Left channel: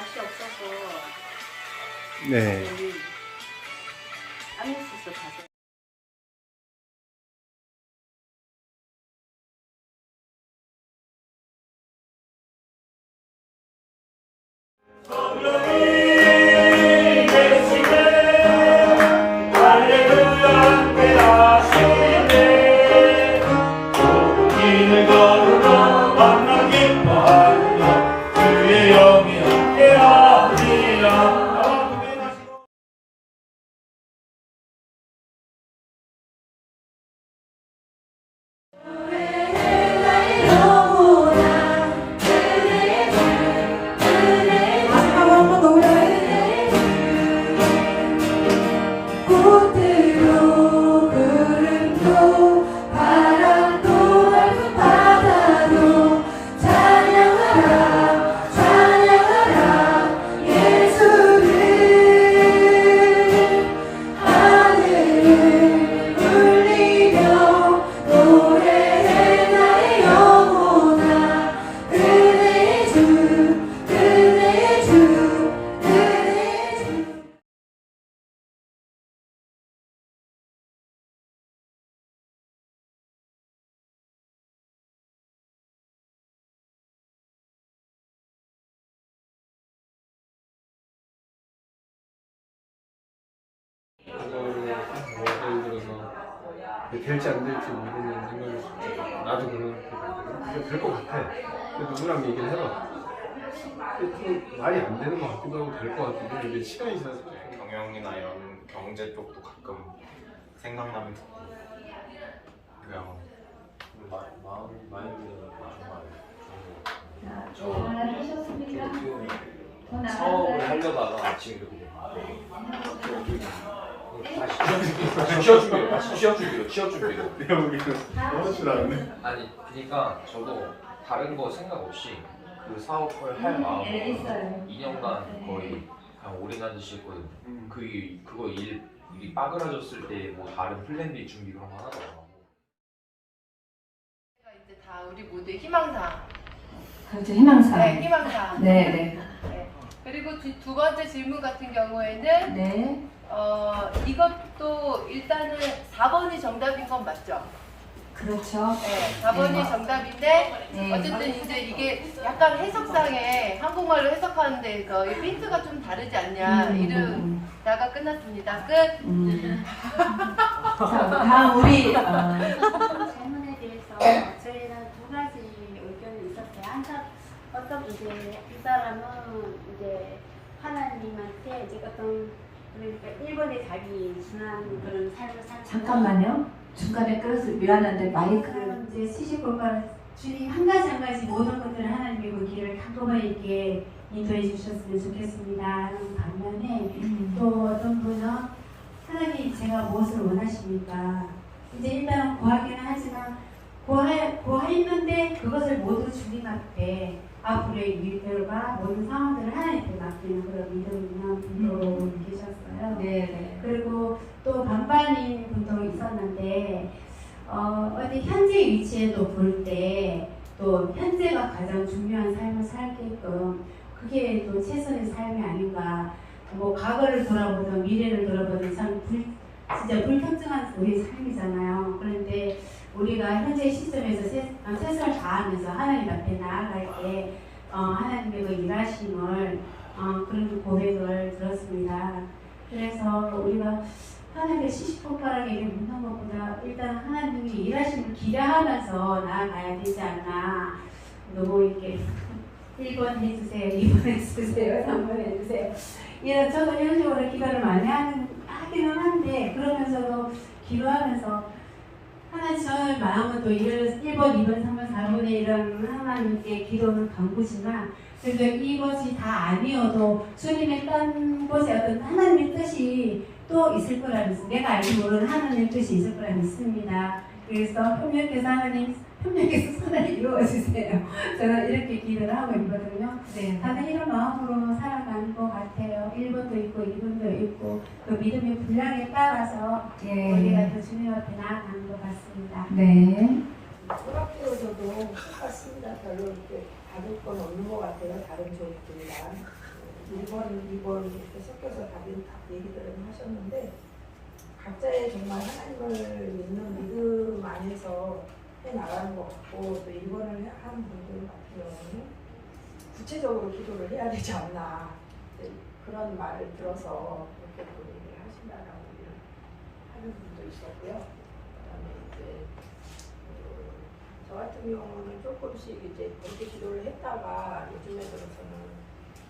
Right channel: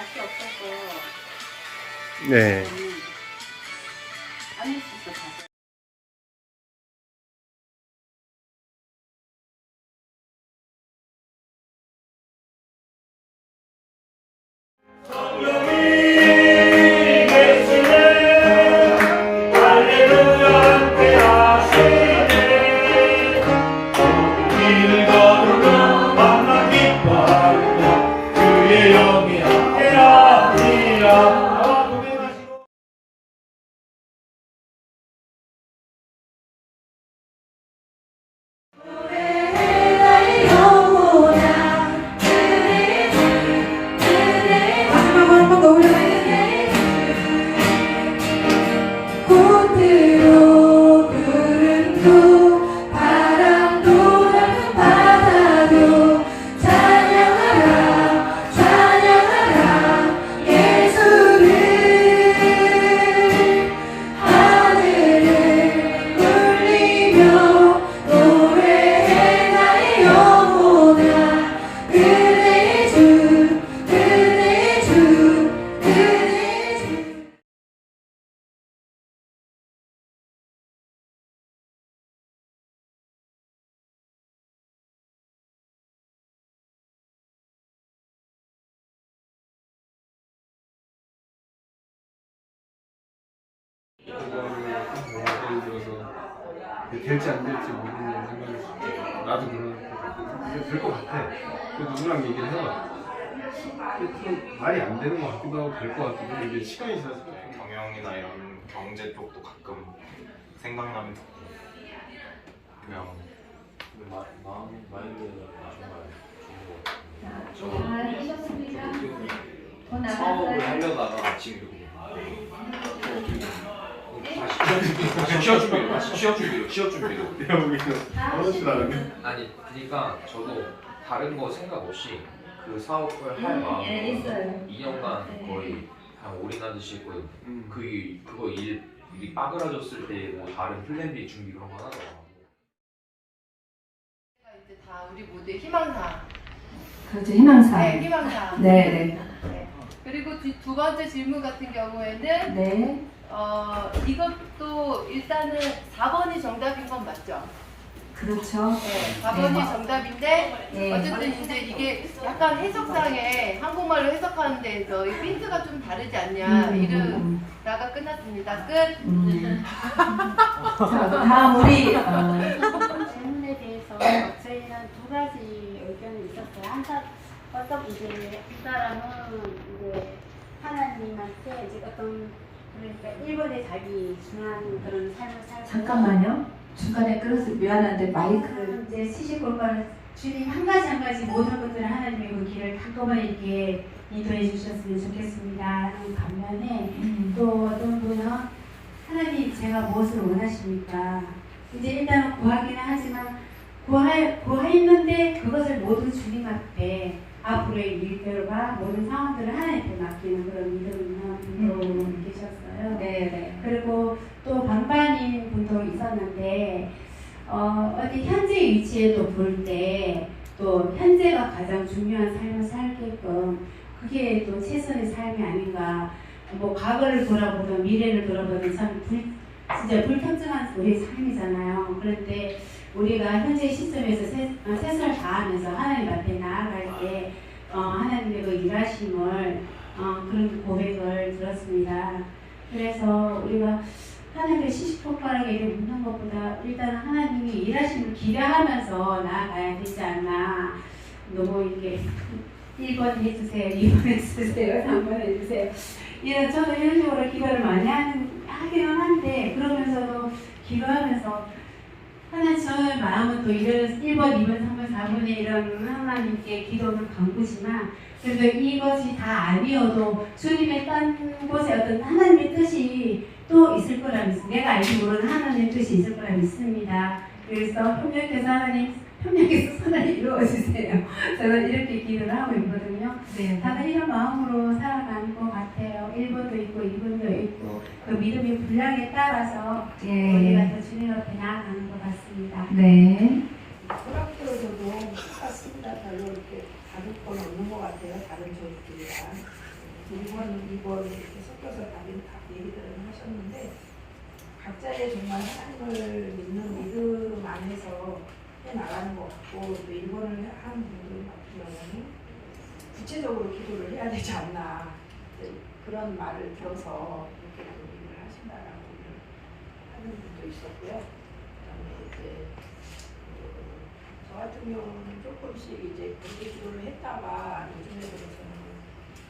맛이 없어서 네. 안 했었어 가서. 예를 들어서 될지 안 될지 모르는 생각일 수도 있고 나도 그런 될것 같아. 그래서 누구랑 얘기를 해봐. 좀 말이 안 되는 것 같기도 하고 될 것 같기도 하고 이게 시간이 지나서 경영이나 이런 경제 쪽도 가끔 생각나면 듣고 그냥 마음 마인드 정말 좋은 거 같아요. 사업을 하려다가 지금 다시 취업 준비로 내가 보기에는 어려울 줄 알았네. 아니 그러니까 저도 다른 거 생각 없이 그 사업을 할 마음으로 2년간 거의 그냥 올인하듯이 했거든요. 그거 일이 빠그라졌을 때 뭐 다른 플랜 B 준비 그런 거 하나더라고요. 이제 다 우리 모두의 희망사. 그렇죠, 희망사. 네, 희망사. 네, 네. 그리고 두 번째 질문 같은 경우에는 네. 이것도 일단은 4번이 정답인 건 맞죠? 그렇죠. 네, 4번이 네. 정답인데 네. 어쨌든 이제 이게 약간 해석상에 한국말로 해석하는 데에서 이 힌트가 좀 다르지 않냐 이러다가 끝났습니다. 끝. 자, 다음 우리 질문에 대해서 저희는 두 가지 의견이 있었어요. 어떤 이제 이 사람은 이제 하나님한테 이제 어떤 그러니까 일본에 자기 순한 그런 삶을 살고 잠깐만요. 중간에 끊어서 미안한데 마이크를 이제 70골반을 주님 한 가지 모든 것들을 하나님의 그 길을 한꺼번에 이렇게 인도해 주셨으면 좋겠습니다. 하는 반면에 또 어떤 분은 하나님 제가 무엇을 원하십니까? 이제 일단 구하기는 하지만 구했는데 그것을 모두 주님 앞에 앞으로의 일들과 모든 상황들을 하나님께 맡기는 그런 믿음이 있는 분도 계셨어요. 네. 그리고 또 반반인 분도 있었는데 어디 현재 위치에도 부를 때 또 현재가 가장 중요한 삶을 살게끔 그게 또 최선의 삶이 아닌가. 뭐 과거를 돌아보든 미래를 돌아보든 참 진짜 불평등한 우리의 삶이잖아요. 그런데 우리가 현재 시점에서 최선을 다하면서 하나님 앞에 나아갈 때 하나님의 그 일하심을 그런 고백을 들었습니다. 그래서 우리가 하나님의 시시콜콜하게 묻는 것보다 일단 하나님이 일하심을 기대하면서 나아가야 되지 않나. 너무 이렇게 1번 해주세요, 2번 해주세요, 3번 해주세요. 이런 저도 이런 식으로 기도를 많이 하기는 한데 그러면서도 기도하면서 하나님 저의 마음은 또 이런 1번, 2번, 3번, 4번의 이런 하나님께 기도는 간구지만 그래서 이것이 다 아니어도 주님의 딴 곳에 어떤 하나님의 뜻이 또 있을 거라 믿습니다. 내가 알지 모르는 하나님의 뜻이 있을 거라 믿습니다. 그래서 협력해서 하나님 협력해서 선을 이루어주세요. 저는 이렇게 기도를 하고 있거든요. 네. 다들 이런 마음으로 살아가는 것 같아요. 1번도 있고 2번도 있고 그 믿음의 분량에 따라서 우리가 더 주님 앞에 나아가는 것 같습니다. 네. 철학적으로도 맞습니다. 별로 이렇게 다를 건 없는 것 같아요. 다른 조직들이랑. 1번, 2번 이렇게 섞여서 답인 다 얘기들을 하셨는데 각자의 정말 하나님을 믿는 믿음 안에서 해나가는 것 같고 또 1번을 하는 분들 같은 경우는 구체적으로 기도를 해야 되지 않나 그런 말을 들어서 그렇게 얘기를 하신다라고 하는 분도 있었고요. 그다음에 이제 저 같은 경우는 조금씩 이제 권리 기도를 했다가 요즘에 들어서는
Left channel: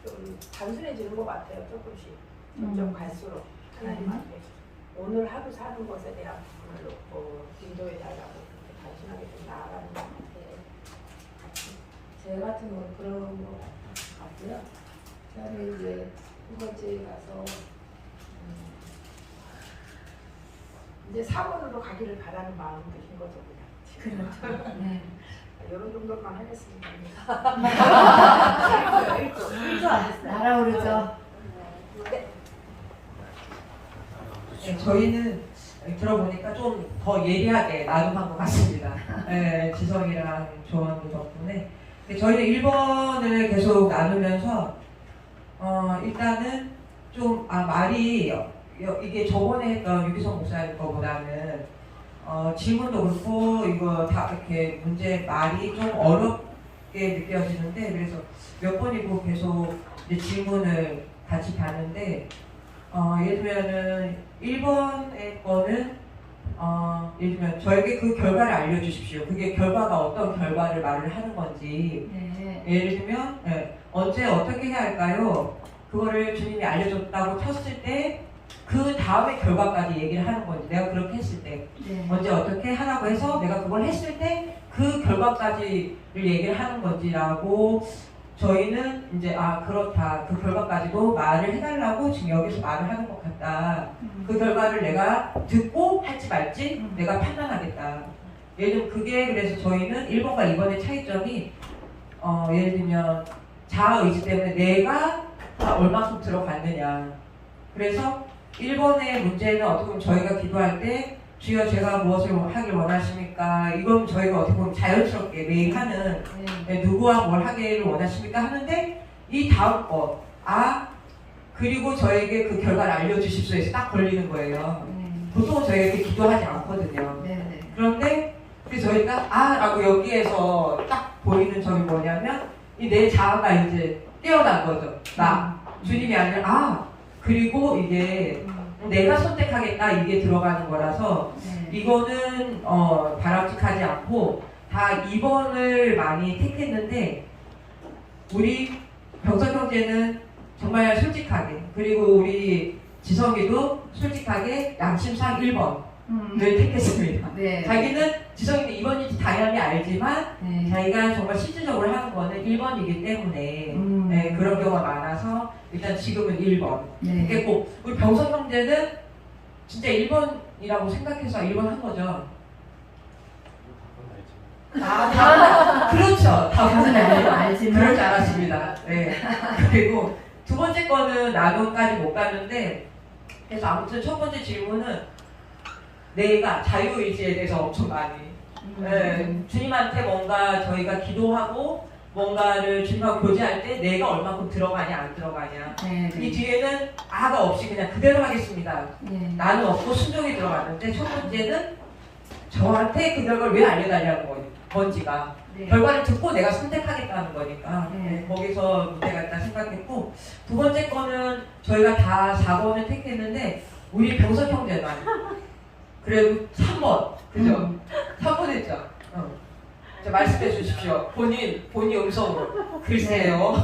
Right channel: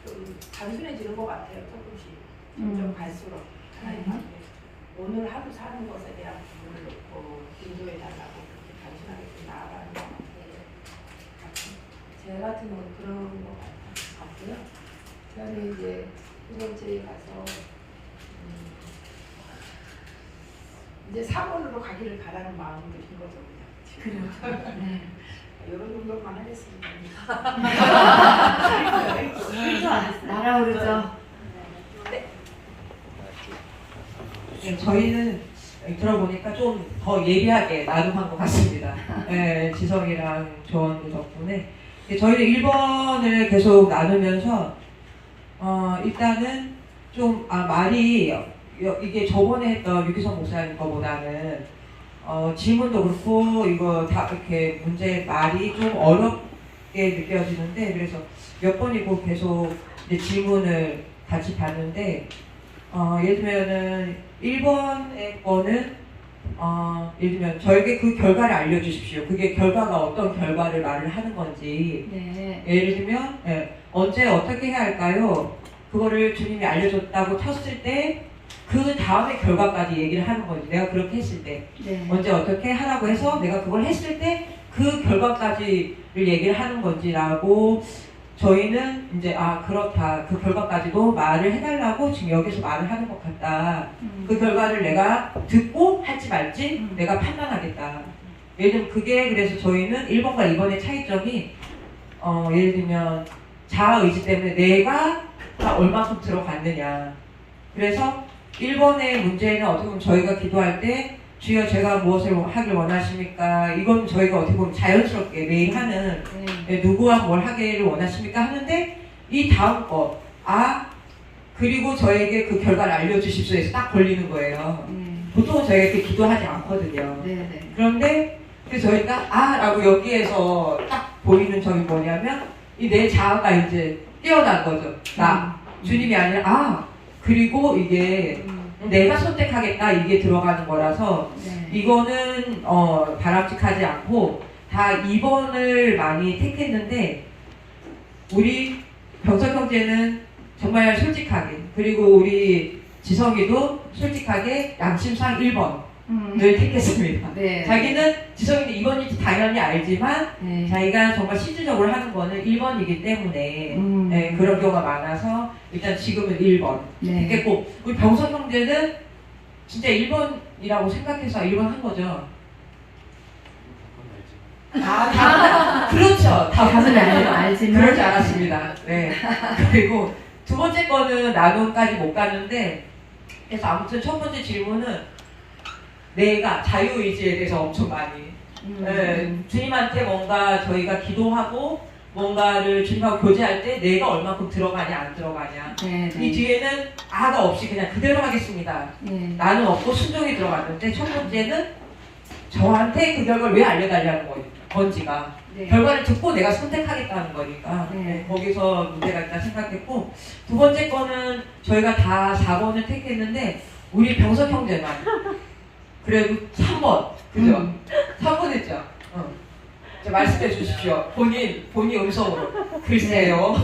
좀 단순해지는 것 같아요. 조금씩 점점 갈수록 하나님한테 오늘 하루 사는 것에 대한 부분을 놓고 인도해달라고 그렇게 단순하게 좀 나아가는 것 같아요. 제 같은 경우는 그런 것 같고요. 그다음에 이제 두 번째에 가서 이제 4번으로 가기를 바라는 마음이 드신 거죠. 그냥. 네. 이런 정도만 하겠습니다. 날아오르죠. 네, 저희는 들어보니까 좀 더 예리하게 나눔한 것 같습니다. 네, 지성이랑 조원들 덕분에. 저희는 1번을 계속 나누면서 일단은 좀 말이 이게 저번에 했던 유기성 목사님 거보다는 질문도 그렇고 이거 다 이렇게 문제 말이 좀 어렵게 느껴지는데 그래서 몇 번이고 계속 이제 질문을 같이 봤는데 예를 들면은 1번의 거는 예를 들면 저에게 그 결과를 알려주십시오. 그게 결과가 어떤 결과를 말을 하는 건지 네. 예를 들면 언제 어떻게 해야 할까요? 그거를 주님이 알려줬다고 쳤을 때 그 다음에 결과까지 얘기를 하는 건지 내가 그렇게 했을 때 네. 언제 어떻게 하라고 해서 내가 그걸 했을 때 그 결과까지를 얘기를 하는 건지라고 저희는 이제 그렇다 그 결과까지도 말을 해달라고 지금 여기서 말을 하는 것 같다. 그 결과를 내가 듣고 할지 말지 내가 판단하겠다. 예를 들면 그게 그래서 저희는 1번과 2번의 차이점이 예를 들면 자아의지 때문에 내가 다 얼마큼 들어갔느냐. 그래서 1번의 문제는 어떻게 보면 저희가 기도할 때 주여 제가 무엇을 하길 원하십니까? 이건 저희가 어떻게 보면 자연스럽게 매일 하는 누구와 뭘 하기를 원하십니까? 하는데 이 다음 거 그리고 저에게 그 결과를 알려주십시오에서 딱 걸리는 거예요. 보통 저희가 이렇게 기도하지 않거든요. 네. 그런데 저희가 라고 여기에서 딱 보이는 점이 뭐냐면 이 내 자아가 이제 뛰어난 거죠. 주님이 아니라 그리고 이게 내가 선택하겠다 이게 들어가는 거라서 이거는 바람직하지 않고 다 2번을 많이 택했는데 우리 병석 형제는 정말 솔직하게 그리고 우리 지성이도 솔직하게 양심상 1번을 택했습니다. 네. 자기는 지성이도 2번인지 당연히 알지만 네. 자기가 정말 실질적으로 하는 거는 1번이기 때문에 그런 경우가 많아서 일단 지금은 1번 네. 택했고 우리 병석 형제는 진짜 1번이라고 생각해서 1번 한 거죠. 그렇죠. 답은 알지만 그럴 줄 알았습니다. 네. 그리고 두 번째 거는 나눔까지 못 갔는데 그래서 아무튼 첫 번째 질문은 내가 자유의지에 대해서 엄청 많이 주님한테 뭔가 저희가 기도하고 뭔가를 주님하고 교제할 때 내가 얼마큼 들어가냐 안 들어가냐 이 뒤에는 아가 없이 그냥 그대로 하겠습니다. 나는 없고 순종이 들어갔는데 첫 번째는 저한테 그 결과를 왜 알려달라는 건지가 결과를 듣고 내가 선택하겠다는 거니까 거기서 문제가 있다 생각했고 두 번째 거는 저희가 다 4번을 택했는데 우리 병석 형제만 그래도 3번 그죠? 3번 했죠? 자, 말씀해 주십시오. 본인 음성으로 글쎄요.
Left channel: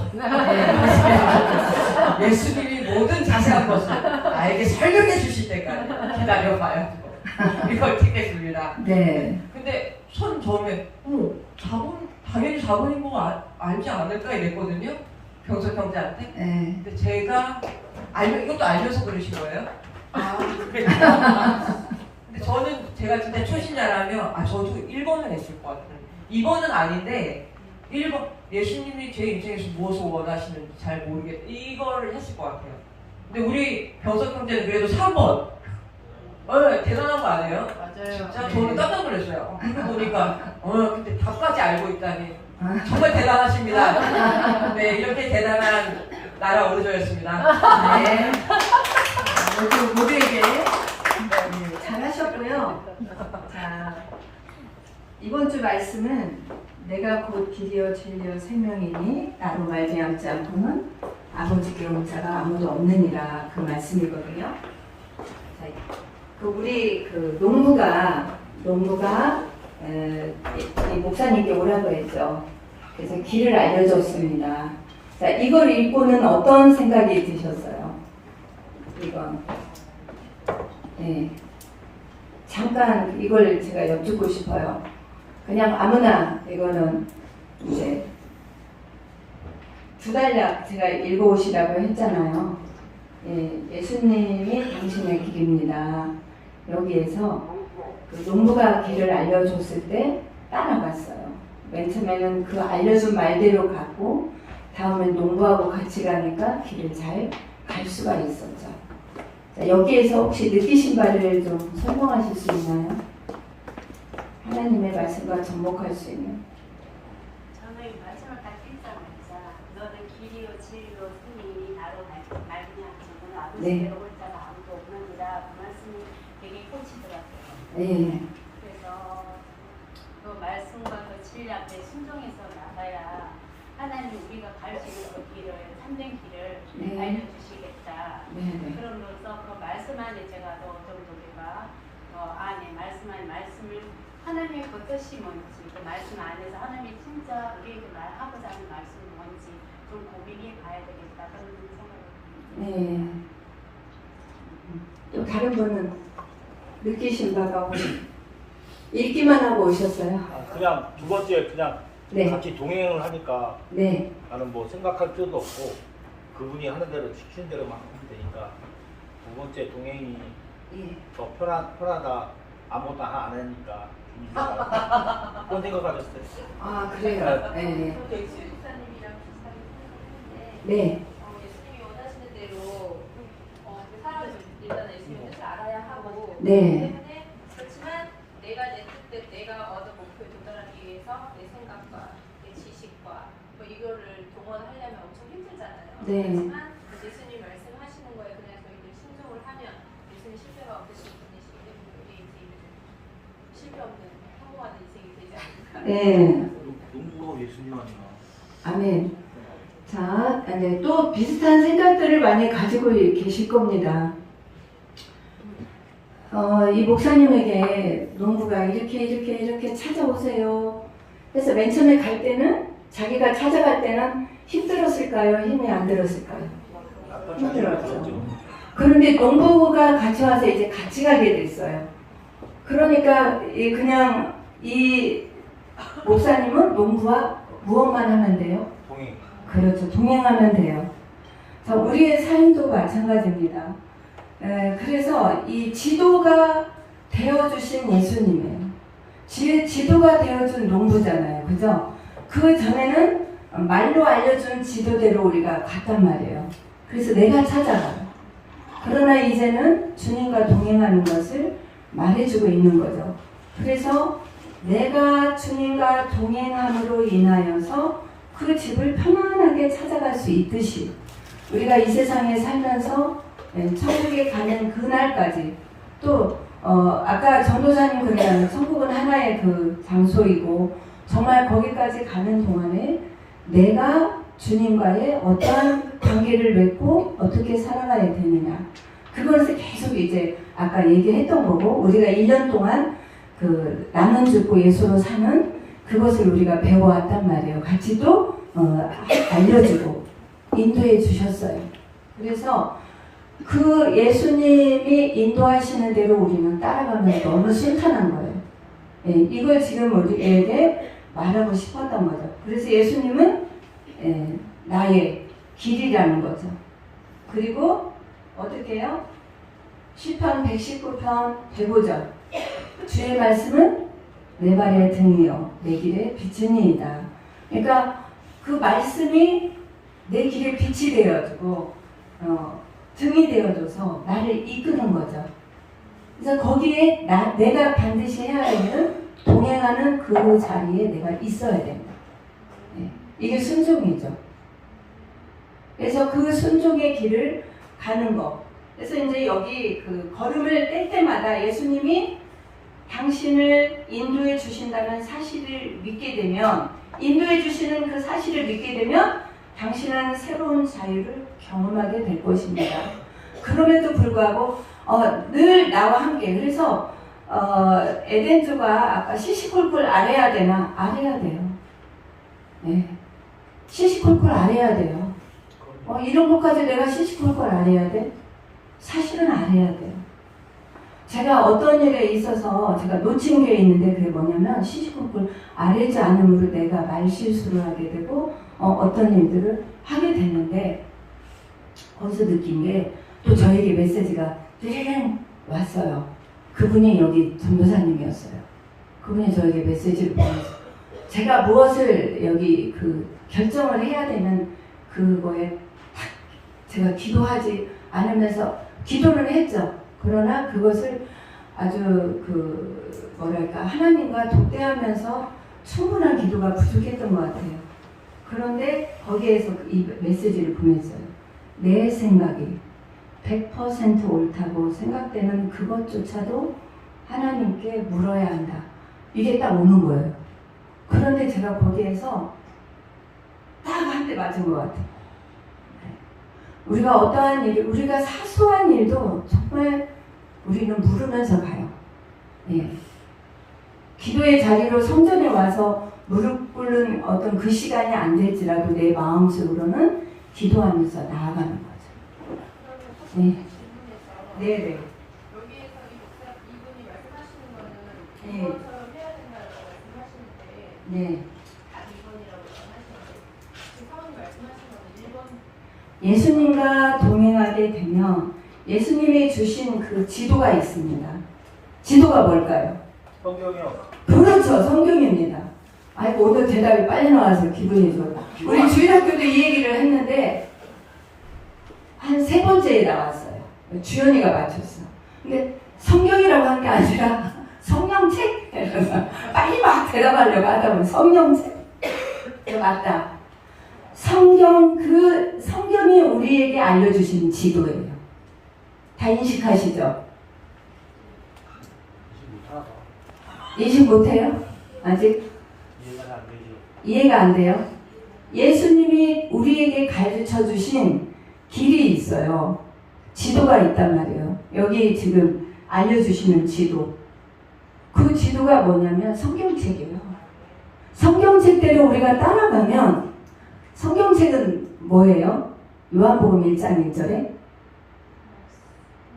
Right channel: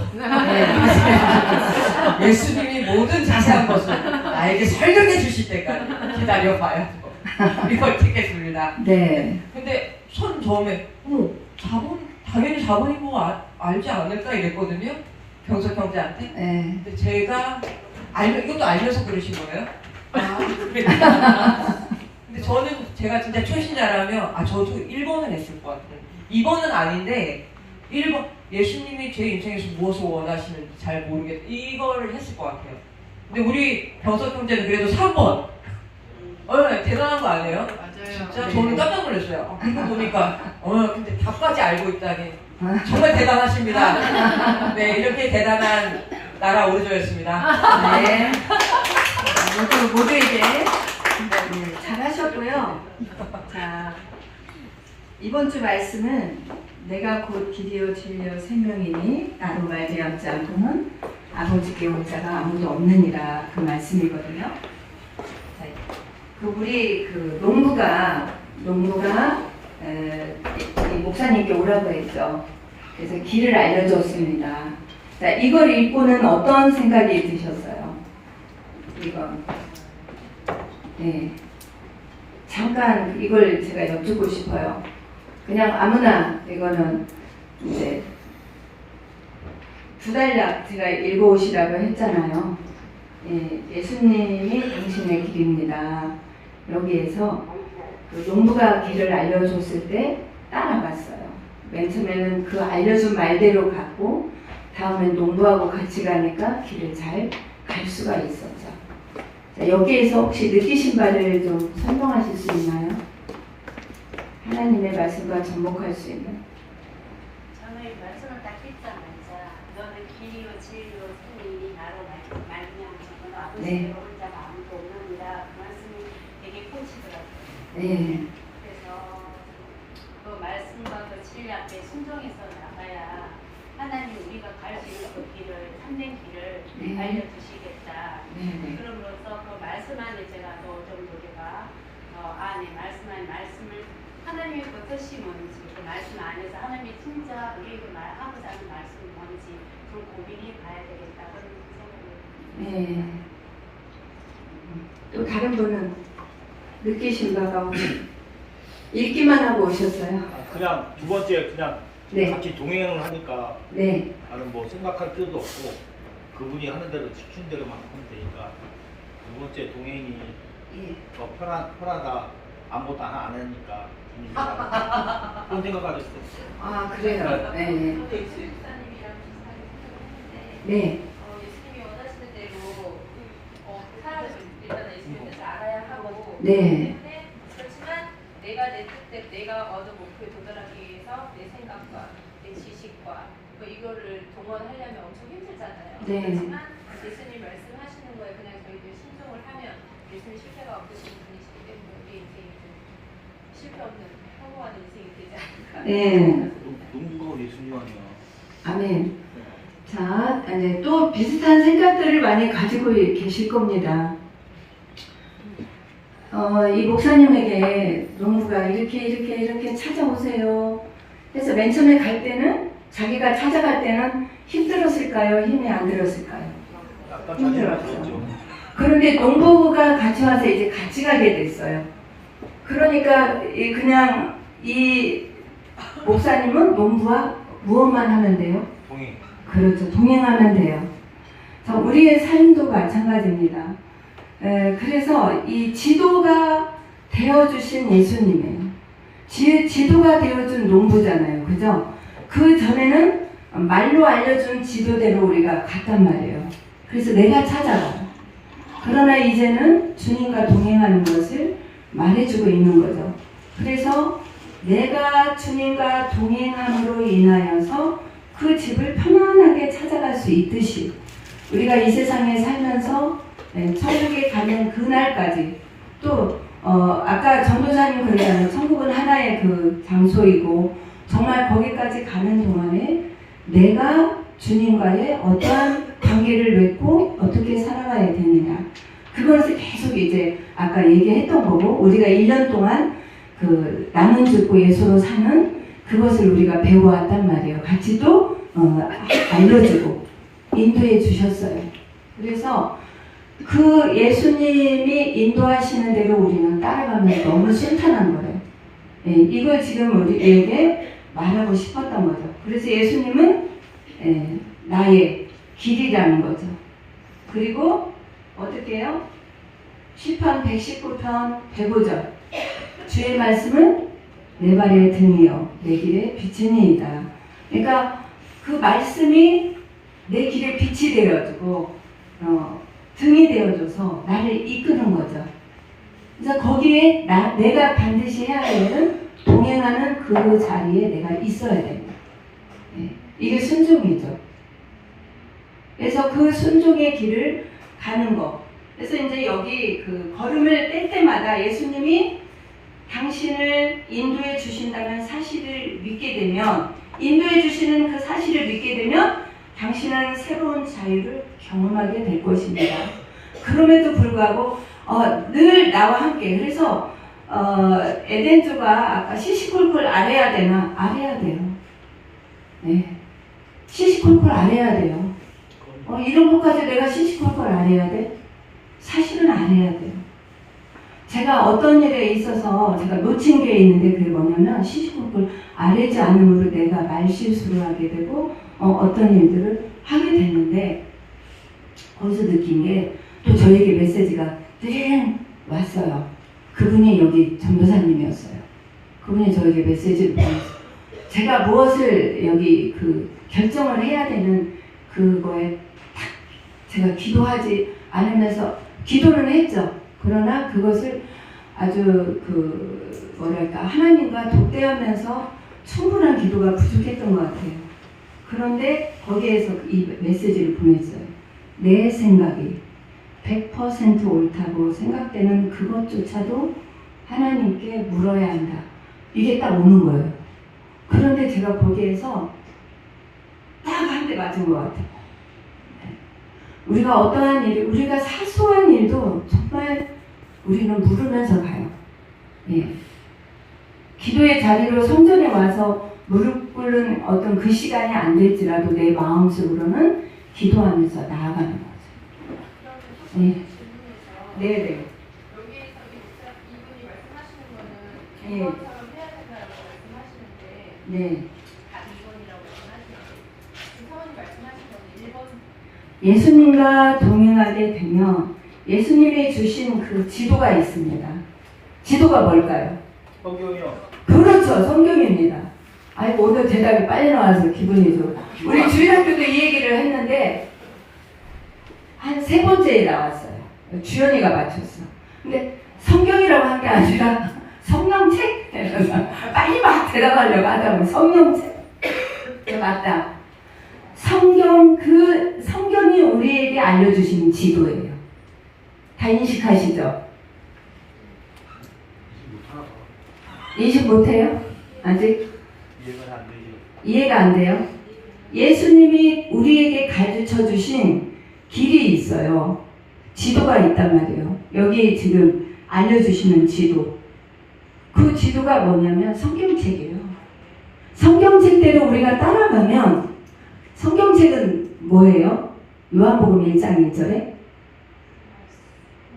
예수님이 모든 자세한 것을 나에게 설명해 주실 때까지 기다려봐야죠. 이걸 택했습니다. 네. 근데 손 처음에 4번 당연히 4번인 거 알지 않을까 이랬거든요. 병석 형제한테. 근데 제가 이것도 알면서 그러신 거예요? 그래요? 근데 저는 제가 진짜 초신자라면 저도 1번은 했을 것 같아요. 2번은 아닌데 1번 예수님이 제 인생에서 무엇을 원하시는지 잘 모르겠다 이거를 했을 것 같아요. 근데 우리 병석 형제는 그래도 3번 대단한 거 아니에요? 맞아요. 진짜 저는 깜짝 놀랐어요. 그거 보니까 근데 답까지 알고 있다니 정말 대단하십니다. 네, 이렇게 대단한 나라 오르조였습니다. 네. 모두에게 네, 잘하셨고요. 자, 이번 주 말씀은 내가 곧 길이요 진리요 생명이니 나로 말미암지 않고는 아버지께 올 자가 아무도 없느니라 그 말씀이거든요. 자, 우리 농부가 이 목사님께 오라고 했죠. 그래서 길을 알려줬습니다. 자, 이걸 읽고는 어떤 생각이 드셨어요? 이건 네, 잠깐 이걸 제가 여쭙고 싶어요. 그냥 아무나 이거는 이제 2달락 제가 읽어오시라고 했잖아요. 예, 예수님이 당신의 길입니다. 여기에서 농부가 길을 알려줬을 때 따라갔어요. 맨 처음에는 그 알려준 말대로 갔고 다음엔 농부하고 같이 가니까 길을 잘 갈 수가 있었죠. 자, 여기에서 혹시 느끼신 바를 좀 설명하실 수 있나요? 하나님의 말씀과 접목할 수 있는. 저는 말씀을 딱 읽자마자 너는 길이요 진리요 생명이 나로 말미암지 않고는 아버지께 올 자가 아무도 없느니라 그 말씀이 되게 꽂히더라고요. 네. 그래서 그 말씀과 그 진리 앞에 순종해서 나가야 하나님 우리가 갈 수 있는 그 길을 참된 길을 네. 알려주시겠다. 네. 그럼으로써 그 말씀 안에 제가 또 우리가 안에 말씀 안에 말씀을 하나님의 그 뜻이 뭔지 그 말씀 안에서 하나님이 진짜 우리에게 말하고자 하는 말씀이 뭔지 좀 고민해 봐야 되겠다 그런 생각을. 네. 또 다른 분은 느끼신 바가 혹시 읽기만 하고 오셨어요? 그냥 두 번째 그냥 네. 같이 동행을 하니까 네. 나는 뭐 생각할 필요도 없고 그분이 하는 대로 시키는 대로만 하면 되니까 두 번째 동행이 예. 더 편하다 아무것도 안 하니까 그런 생각을 했어요. 아 그래요. 네. 네. 예수님이 원하시는 대로 살아가는 일단은 예수님의 뜻을 알아야 하고 네. 때문에 그렇지만 내가 내 뜻대 내가 얻은 목표에 도달하기 위해서 내 생각과 내 지식과 뭐 이거를 동원하려면 엄청 힘들잖아요. 네. 그렇지만 예수님 말씀하시는 거에 그냥 저희들 순종을 하면 예수님 실패가 없으신 분이시기 때문에 우리 인생이 실패 없는 성공하는 인생이 되지 않을까. 네. 농부가 예수님 아니야. 아멘. 자, 네, 또 비슷한 생각들을 많이 가지고 계실 겁니다. 이 목사님에게 농부가 이렇게 찾아오세요. 그래서 맨 처음에 갈 때는 자기가 찾아갈 때는 힘들었을까요? 힘이 안 들었을까요? 힘들었죠. 그런데 농부가 같이 와서 이제 같이 가게 됐어요. 그러니까 그냥 이 목사님은 농부와 무엇만 하면 돼요? 동행. 그렇죠. 동행하면 돼요. 자, 우리의 삶도 마찬가지입니다. 그래서 이 지도가 되어주신 예수님이에요. 지도가 되어준 농부잖아요. 그죠? 그 전에는 말로 알려준 지도대로 우리가 갔단 말이에요. 그래서 내가 찾아가요. 그러나 이제는 주님과 동행하는 것을 말해주고 있는 거죠. 그래서 내가 주님과 동행함으로 인하여서 그 집을 편안하게 찾아갈 수 있듯이 우리가 이 세상에 살면서 천국에 가는 그날까지 또 아까 전도사님 그랬잖아요. 천국은 하나의 그 장소이고 정말 거기까지 가는 동안에 내가 주님과의 어떤 관계를 맺고 어떻게 살아가야 되느냐 그것을 계속 이제 아까 얘기했던 거고 우리가 1년 동안 그 남은 죽고 예수로 사는 그것을 우리가 배워왔단 말이에요. 같이 또 알려주고 인도해 주셨어요. 그래서 그 예수님이 인도하시는 대로 우리는 따라가면 너무 순탄한 거예요. 예, 이걸 지금 우리에게 말하고 싶었던 거죠. 그래서 예수님은 나의 길이라는 거죠. 그리고 어떻게 해요? 시편 119편 105절 주의 말씀은 내 발의 등이요 내 길의 빛이니이다. 그러니까 그 말씀이 내 길의 빛이 되어주고 등이 되어줘서 나를 이끄는 거죠. 그래서 거기에 내가 반드시 해야 할 일은 동행하는 그 자리에 내가 있어야 됩니다. 이게 순종이죠. 그래서 그 순종의 길을 가는 거. 그래서 이제 여기 그 걸음을 뗄 때마다 예수님이 당신을 인도해 주신다는 사실을 믿게 되면, 인도해 주시는 그 사실을 믿게 되면 당신은 새로운 자유를 경험하게 될 것입니다. 그럼에도 불구하고 늘 나와 함께. 그래서 에덴주가 아까 시시콜콜 앓아야 되나? 앓아야 돼요. 네. 시시콜콜 앓아야 돼요. 이런 것까지 내가 시시콜콜 앓아야 돼? 사실은 앓아야 돼요. 제가 어떤 일에 있어서 제가 놓친 게 있는데 그게 뭐냐면 시시콜콜 앓지 않음으로 내가 말실수를 하게 되고 어떤 일들을 하게 되는데, 거기서 느낀 게 또 저에게 메시지가 땡 왔어요. 그분이 여기 전도사님이었어요. 그분이 저에게 메시지를 보냈어요. 제가 무엇을 여기 그 결정을 해야 되는 그거에 딱 제가 기도하지 않으면서 기도는 했죠. 그러나 그것을 아주 그 뭐랄까 하나님과 독대하면서 충분한 기도가 부족했던 것 같아요. 그런데 거기에서 이 메시지를 보냈어요. 내 생각이 100% 옳다고 생각되는 그것조차도 하나님께 물어야 한다. 이게 딱 오는 거예요. 그런데 제가 거기에서 딱 한 대 맞은 것 같아요. 우리가 어떠한 일, 우리가 사소한 일도 정말 우리는 물으면서 가요. 예. 기도의 자리로 성전에 와서 무릎 꿇는 어떤 그 시간이 안 될지라도 내 마음속으로는 기도하면서 나아가는 거죠. 네. 네네. 여기에서 이분이 말씀하시는 거는 예. 이것처럼 해야 된다고 말씀하시는데 네. 다 2번이라고 말씀하시는데 사모님 말씀하신 거는 1번 예수님과 동행하게 되면 예수님이 주신 그 지도가 있습니다. 지도가 뭘까요? 성경이요. 그렇죠. 성경입니다. 아이고, 오늘 대답이 빨리 나와서 기분이 좋아. 우리 주일학교도 이 얘기를 했는데 한 3번째에 나왔어요. 주연이가 맞췄어. 근데 성경이라고 한 게 아니라 성령책? 빨리 막 대답하려고 하다 보니 성령책? 맞다. 성경이 우리에게 알려주신 지도예요. 다 인식하시죠? 인식 못해요? 아직? 이해가 안 돼요? 예수님이 우리에게 가르쳐 주신 길이 있어요. 지도가 있단 말이에요. 여기 지금 알려주시는 지도. 그 지도가 뭐냐면 성경책이에요. 성경책대로 우리가 따라가면, 성경책은 뭐예요? 요한복음 1장 1절에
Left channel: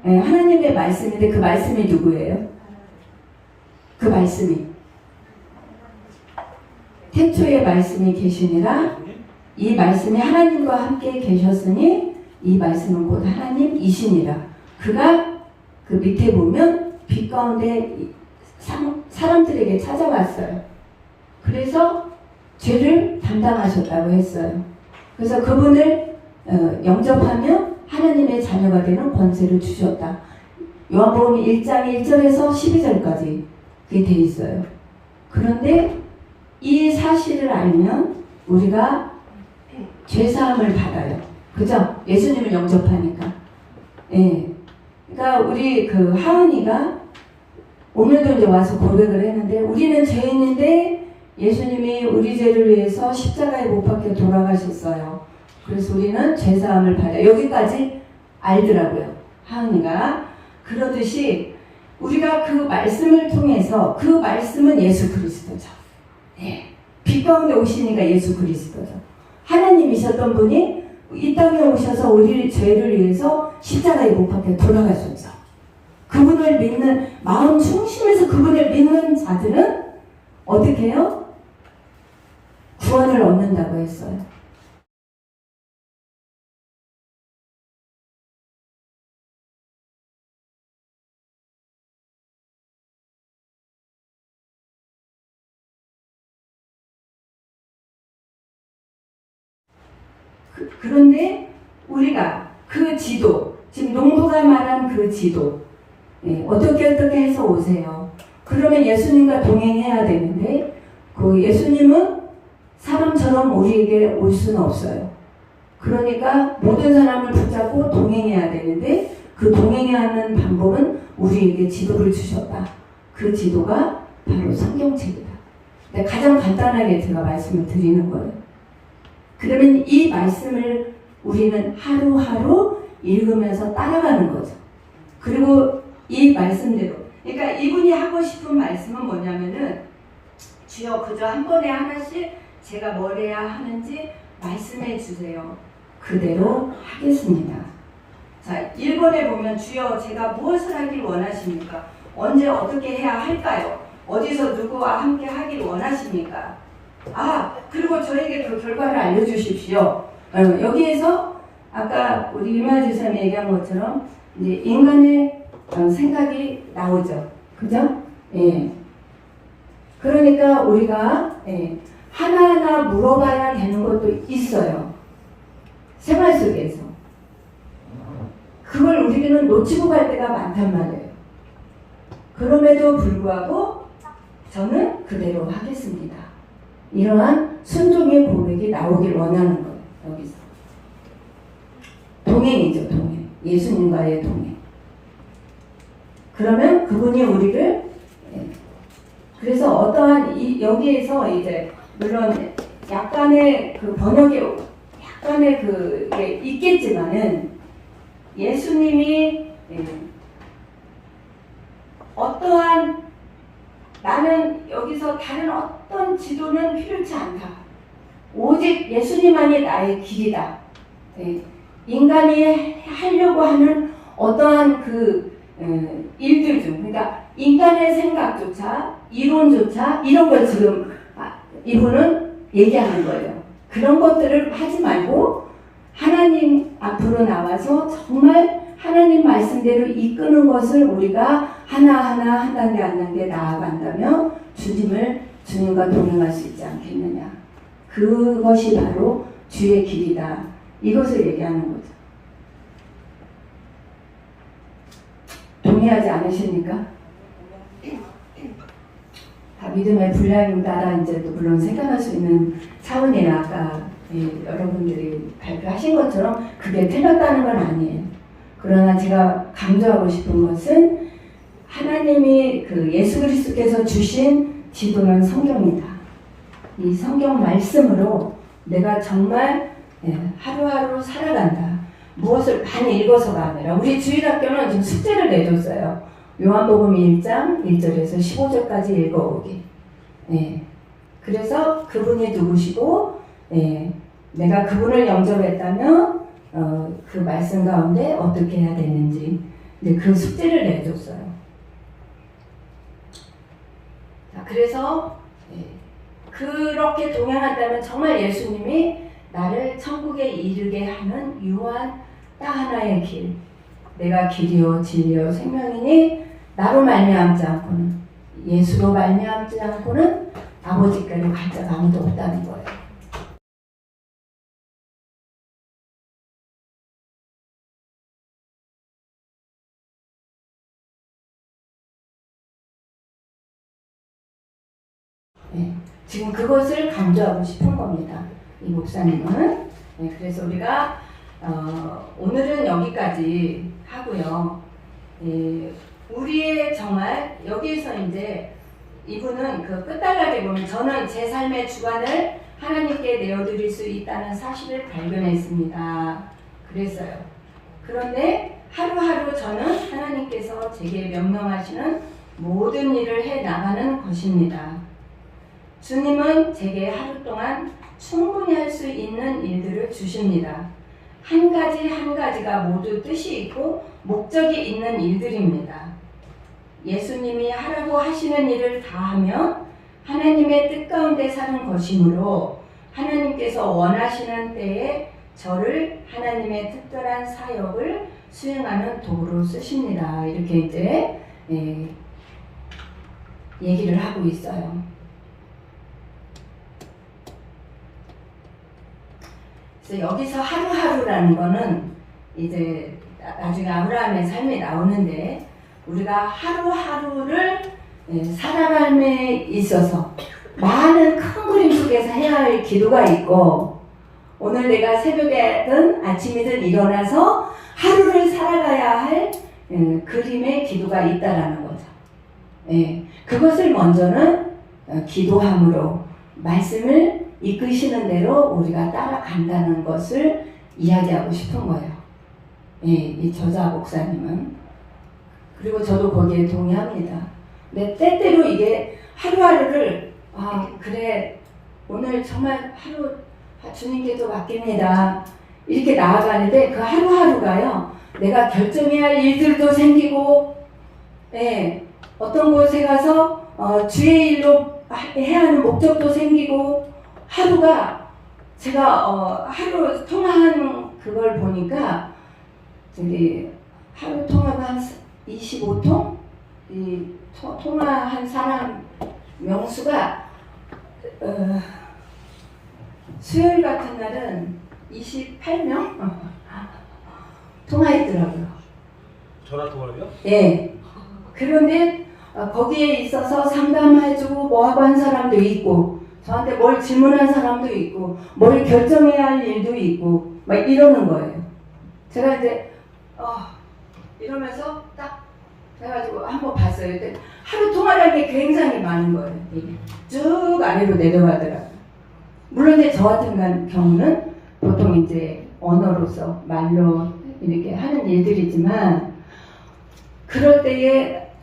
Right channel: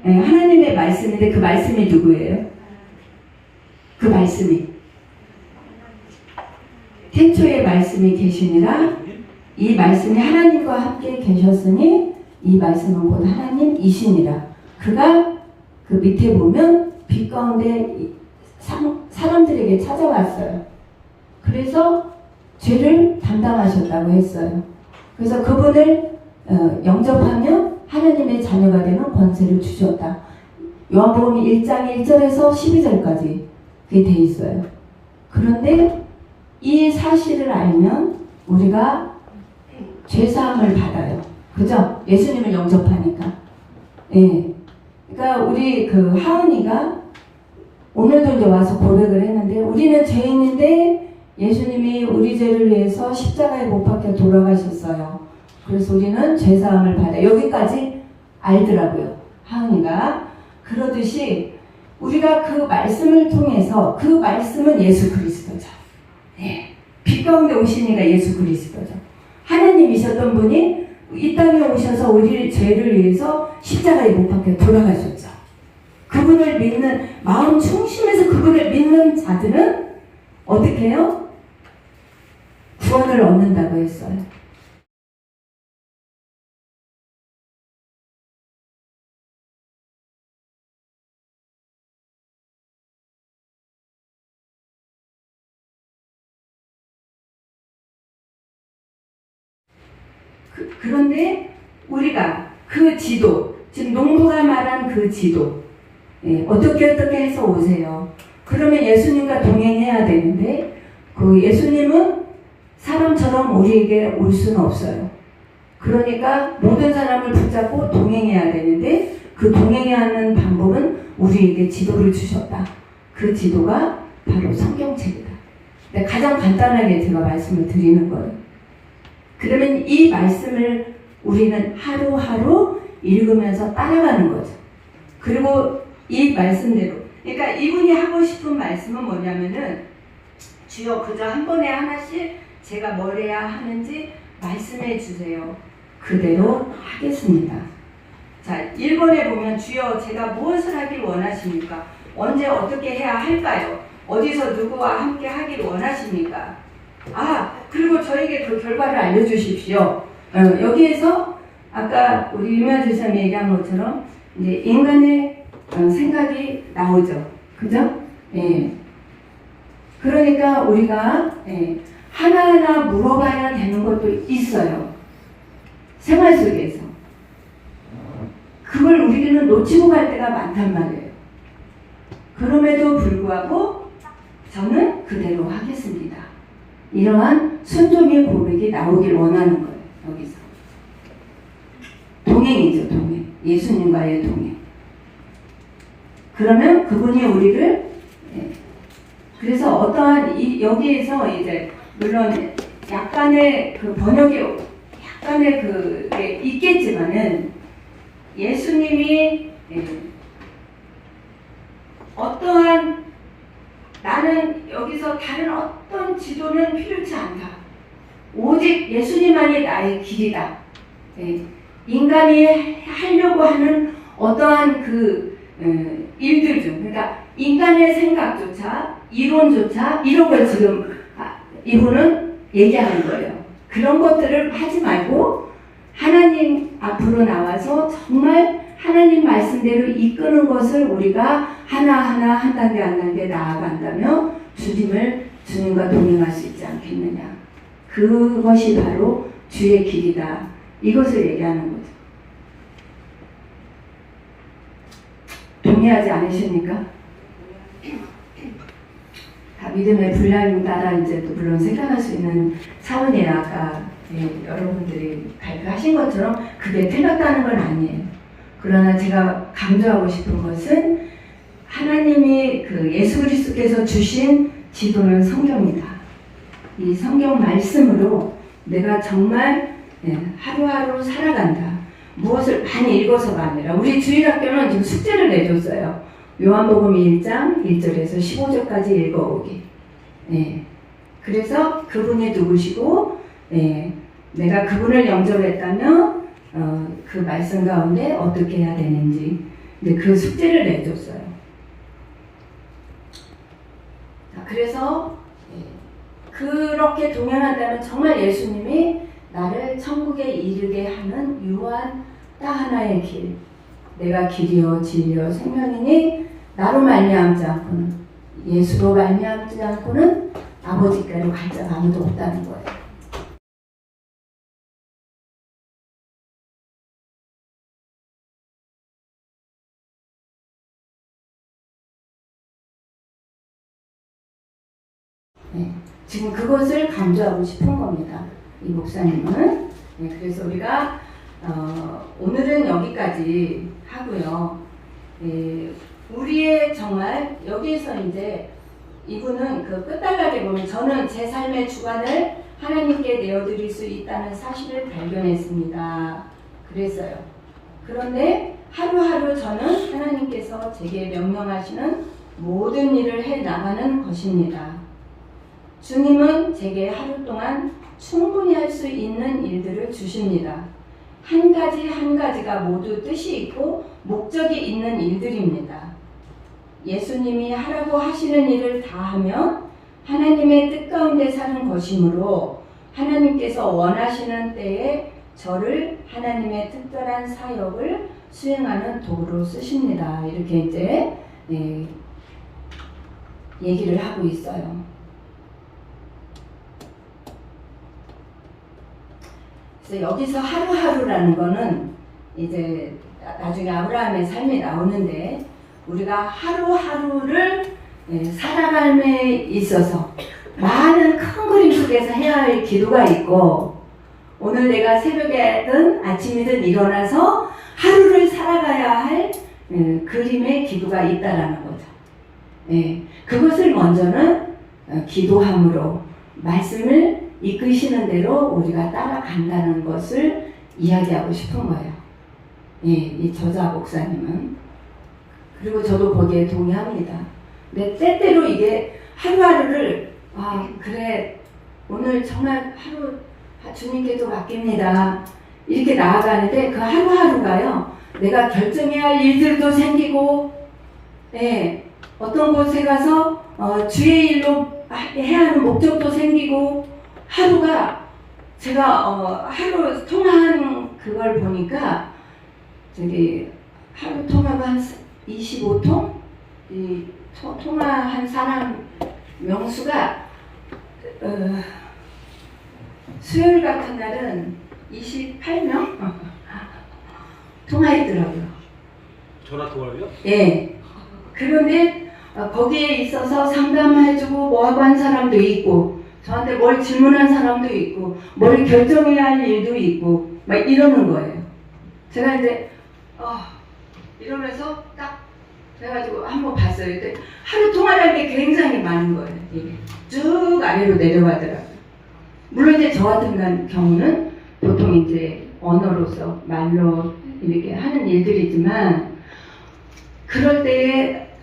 네, 하나님의 말씀인데 그 말씀이 누구예요? 그 말씀이 태초에 말씀이 계시니라 이 말씀이 하나님과 함께 계셨으니 이 말씀은 곧 하나님이시니라. 그가 그 밑에 보면 빛 가운데 사람들에게 찾아왔어요. 그래서 죄를 담당하셨다고 했어요. 그래서 그분을 영접하면 하나님의 자녀가 되는 권세를 주셨다. 요한복음 1장 1절에서 12절까지 그게 돼 있어요. 그런데 이 사실을 알면 우리가 죄사함을 받아요. 그죠? 예수님을 영접하니까. 예. 그러니까 우리 그 하은이가 오늘도 이제 와서 고백을 했는데, 우리는 죄인인데 예수님이 우리 죄를 위해서 십자가에 못 박혀 돌아가셨어요. 그래서 우리는 죄사함을 받아요. 여기까지 알더라고요. 하은이가. 그러듯이 우리가 그 말씀을 통해서, 그 말씀은 예수 그리스도죠. 네. 빛 가운데 오시니까 예수 그리스도죠. 하나님이셨던 분이 이 땅에 오셔서 우리 죄를 위해서 십자가에 못 박혀 돌아가셨죠. 그분을 믿는, 마음 중심에서 그분을 믿는 자들은 어떻게 해요? 구원을 얻는다고 했어요. 그런데 우리가 그 지도, 지금 농부가 말한 그 지도, 어떻게 해서 오세요. 그러면 예수님과 동행해야 되는데, 그 예수님은 사람처럼 우리에게 올 수는 없어요. 그러니까 모든 사람을 붙잡고 동행해야 되는데 그 동행하는 방법은 우리에게 지도를 주셨다. 그 지도가 바로 성경책이다. 근데 가장 간단하게 제가 말씀을 드리는 거예요. 그러면 이 말씀을 우리는 하루하루 읽으면서 따라가는 거죠. 그리고 이 말씀대로, 그러니까 이분이 하고 싶은 말씀은 뭐냐면은 주여 그저 한 번에 하나씩 제가 뭘 해야 하는지 말씀해 주세요. 그대로 하겠습니다. 자, 1번에 보면 주여 제가 무엇을 하길 원하십니까? 언제 어떻게 해야 할까요? 어디서 누구와 함께 하길 원하십니까? 아, 그리고 저에게 그 결과를 알려주십시오. 여기에서 아까 우리 유마 주사님 얘기한 것처럼 이제 인간의 생각이 나오죠. 그죠? 예. 그러니까 우리가 하나하나 물어봐야 되는 것도 있어요. 생활 속에서. 그걸 우리는 놓치고 갈 때가 많단 말이에요. 그럼에도 불구하고 저는 그대로 하겠습니다. 이러한 순종의 고백이 나오길 원하는 거예요. 여기서. 동행이죠. 동행. 예수님과의 동행. 그러면 그분이 우리를 그래서 어떠한 여기에서 이제 물론 약간의 그 번역에 약간의 그게 있겠지만은 예수님이 어떠한 나는 여기서 다른 어떤 지도는 필요치 않다. 오직 예수님만이 나의 길이다. 인간이 하려고 하는 어떠한 그 일들 중, 그러니까 인간의 생각조차 이론조차 이런 걸 지금 이분은 얘기하는 거예요. 그런 것들을 하지 말고 하나님 앞으로 나와서 정말 하나님 말씀대로 이끄는 것을 우리가 하나하나 한 단계 한 단계 나아간다며 주님과 동행할 수 있지 않겠느냐. 그것이 바로 주의 길이다. 이것을 얘기하는 거죠. 동의하지 않으십니까? 다 믿음의 분량에 따라 이제 또 물론 생각할 수 있는 차원이에요. 아까 여러분들이 발표하신 것처럼 그게 틀렸다는 건 아니에요. 그러나 제가 강조하고 싶은 것은 하나님이 그 예수 그리스도께서 주신 지도는 성경이다. 이 성경 말씀으로 내가 정말 하루하루 살아간다. 무엇을 많이 읽어서가 아니라 우리 주일학교는 지금 숙제를 내줬어요. 요한복음 1장 1절에서 15절까지 읽어오기. 그래서 그분이 누구시고 내가 그분을 영접했다면 그 말씀 가운데 어떻게 해야 되는지 그 숙제를 내줬어요. 자, 그래서 그렇게 동행한다면 정말 예수님이 나를 천국에 이르게 하는 유한 딱 하나의 길. 내가 길이요 진리요 생명이니 나로 말미암지 않고는 예수로 말미암지 않고는 아버지께로 갈 자가 아무도 없다는 거예요. 지금 그것을 강조하고 싶은 겁니다. 이 목사님은. 그래서 우리가 오늘은 여기까지 하고요. 우리의 정말 여기에서 이제 이분은 그 끝달라를 보면 저는 제 삶의 주관을 하나님께 내어드릴 수 있다는 사실을 발견했습니다. 그랬어요. 그런데 하루하루 저는 하나님께서 제게 명령하시는 모든 일을 해 나가는 것입니다. 주님은 제게 하루 동안 충분히 할 수 있는 일들을 주십니다. 한 가지 한 가지가 모두 뜻이 있고 목적이 있는 일들입니다. 예수님이 하라고 하시는 일을 다 하면 하나님의 뜻 가운데 사는 것이므로 하나님께서 원하시는 때에 저를 하나님의 특별한 사역을 수행하는 도구로 쓰십니다. 이렇게 이제 얘기를 하고 있어요. 그래서 여기서 하루하루라는 거는 이제 나중에 아브라함의 삶이 나오는데 우리가 하루하루를 살아감에 있어서 많은 큰 그림 속에 일어나서 해야 할 기도가 있고 오늘 내가 새벽에든 아침이든 일어나서 하루를 살아가야 할 그림의 기도가 있다라는 거죠. 예, 그것을 먼저는 기도함으로 말씀을 이끄시는 대로 우리가 따라간다는 것을 이야기하고 싶은 거예요. 예, 이 저자 목사님은. 그리고 저도 거기에 동의합니다. 근데 때때로 이게 하루하루를 그래 오늘 정말 하루 주님께 또 맡깁니다. 이렇게 나아가는데 그 하루하루가요. 내가 결정해야 할 일들도 생기고 예, 어떤 곳에 가서 주의 일로 해야 하는 목적도 생기고 하루가 제가 하루 통화한 그걸 보니까 저기 하루 통화가 한 25통? 이 통화한 사람 명수가 수요일 같은 날은 28명 통화했더라고요. 전화 통화요? 예. 그런데 거기에 있어서 상담해주고 뭐하고 한 사람도 있고 저한테 뭘 질문한 사람도 있고 뭘 결정해야 할 일도 있고 막 이러는 거예요. 제가 이제 이러면서 딱 해가지고 한번 봤어요. 근데 하루 통화할 게 굉장히 많은 거예요. 이게 쭉 아래로 내려가더라고요. 물론 이제 저 같은 경우는 보통 이제 언어로서 말로 이렇게 하는 일들이지만 그럴 때에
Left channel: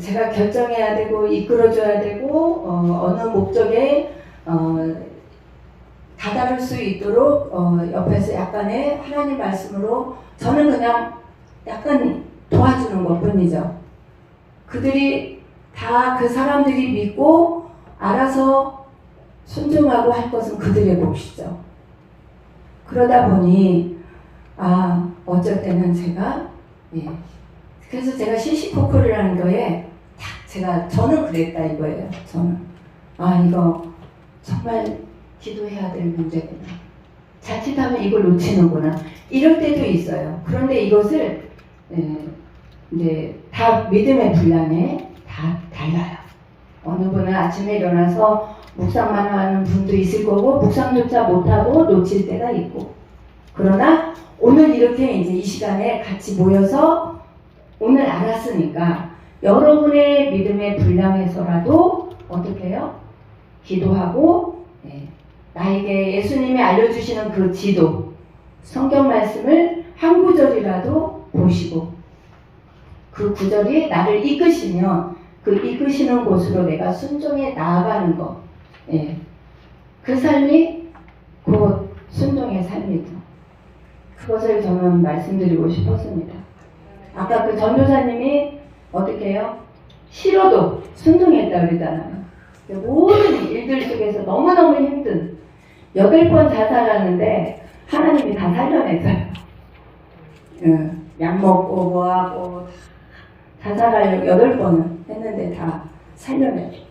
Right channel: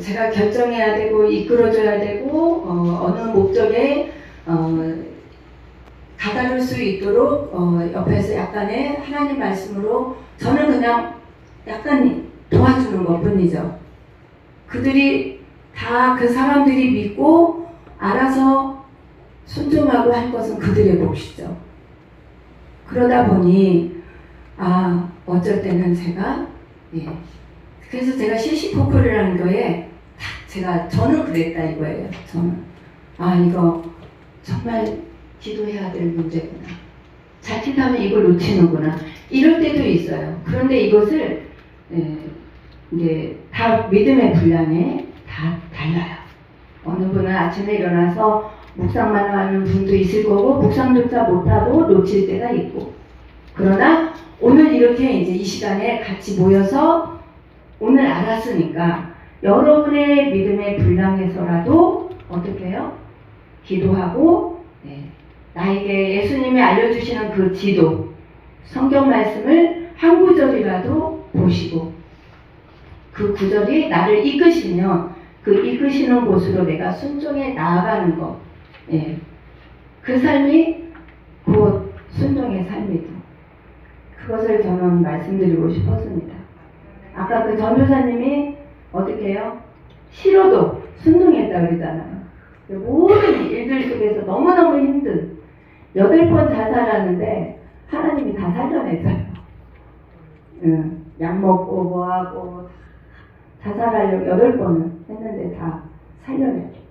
제가 결정해야 되고 이끌어줘야 되고 어느 목적에 다다를 수 있도록 옆에서 약간의 하나님 말씀으로 저는 그냥 약간 도와주는 것 뿐이죠. 그들이 다 그 사람들이 믿고 알아서 순종하고 할 것은 그들의 몫이죠. 그러다 보니 어쩔 때는 제가 그래서 제가 시시콜콜이라는 거에 저는 그랬다 이거예요. 저는 이거 정말 기도해야 될 문제구나. 자칫하면 이걸 놓치는구나. 이럴 때도 있어요. 그런데 이것을 이제 다 믿음의 분량에 다 달라요. 어느 분은 아침에 일어나서 묵상만 하는 분도 있을 거고 묵상조차 못하고 놓칠 때가 있고 그러나 오늘 이렇게 이제 이 시간에 같이 모여서 오늘 알았으니까 여러분의 믿음의 분량에서라도 어떻게 해요? 기도하고 나에게 예수님이 알려주시는 그 지도 성경 말씀을 한 구절이라도 보시고 그 구절이 나를 이끄시면 그 이끄시는 곳으로 내가 순종해 나아가는 것 그 삶이 곧 순종의 삶이죠. 그것을 저는 말씀드리고 싶었습니다. 아까 그 전도사님이 어떻게 해요? 싫어도 순종했다고 그랬잖아요. 모든 일들 속에서 너무너무 힘든 8번 자살하는데 하나님이 다 살려냈어요. 약 먹고 뭐하고 자살하려고 8번은 했는데 다 살려냈어요.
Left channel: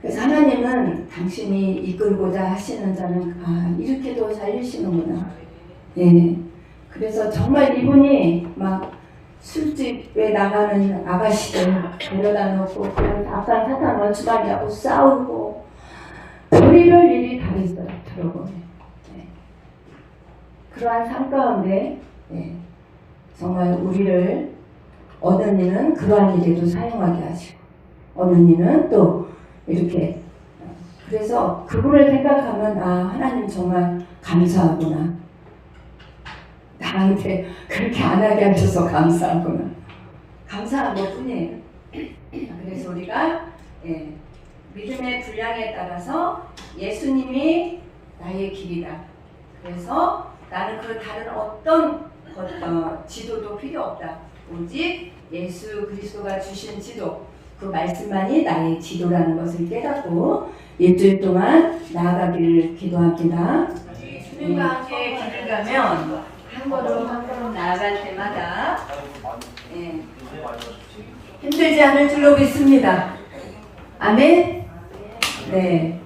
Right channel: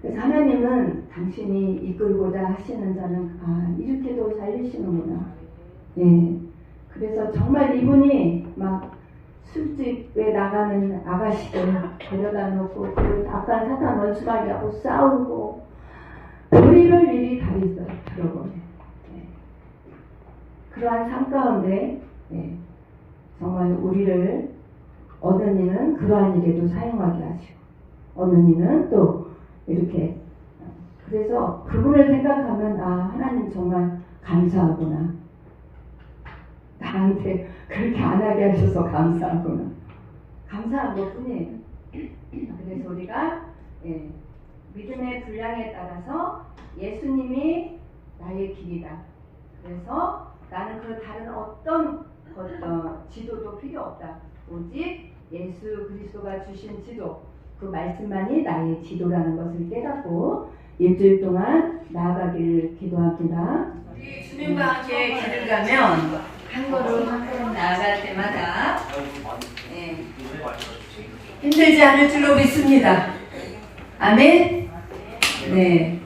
그래서 하나님은 당신이 이끌고자 하시는 자는 이렇게도 살리시는구나. 그래서 정말 이분이 막 술집에 나가는 아가씨들 데려다 놓고 아까 사탄 원수마리하고 싸우고 별의별 일이 다 있어요. 들어보면 그러한 삶 가운데 정말 우리를 어느 일은 그러한 일에도 사용하게 하시고 어느 일은 또 이렇게 그래서 그분을 생각하면 하나님 정말 감사하구나. 나한테 그렇게 안 하게 하셔서 감사하구나. 감사한 것뿐이에요. 그래서 우리가 믿음의 분량에 따라서 예수님이 나의 길이다. 그래서 나는 그 다른 어떤 지도도 필요 없다. 오직 예수 그리스도가 주신 지도 그 말씀만이 나의 지도라는 것을 깨닫고 일주일 동안 나아가기를 기도합니다. 주님과 함께 길을 가면 한 걸음 한 걸음 나아갈 때마다 힘들지 않을 줄로 믿습니다. 아멘. 네.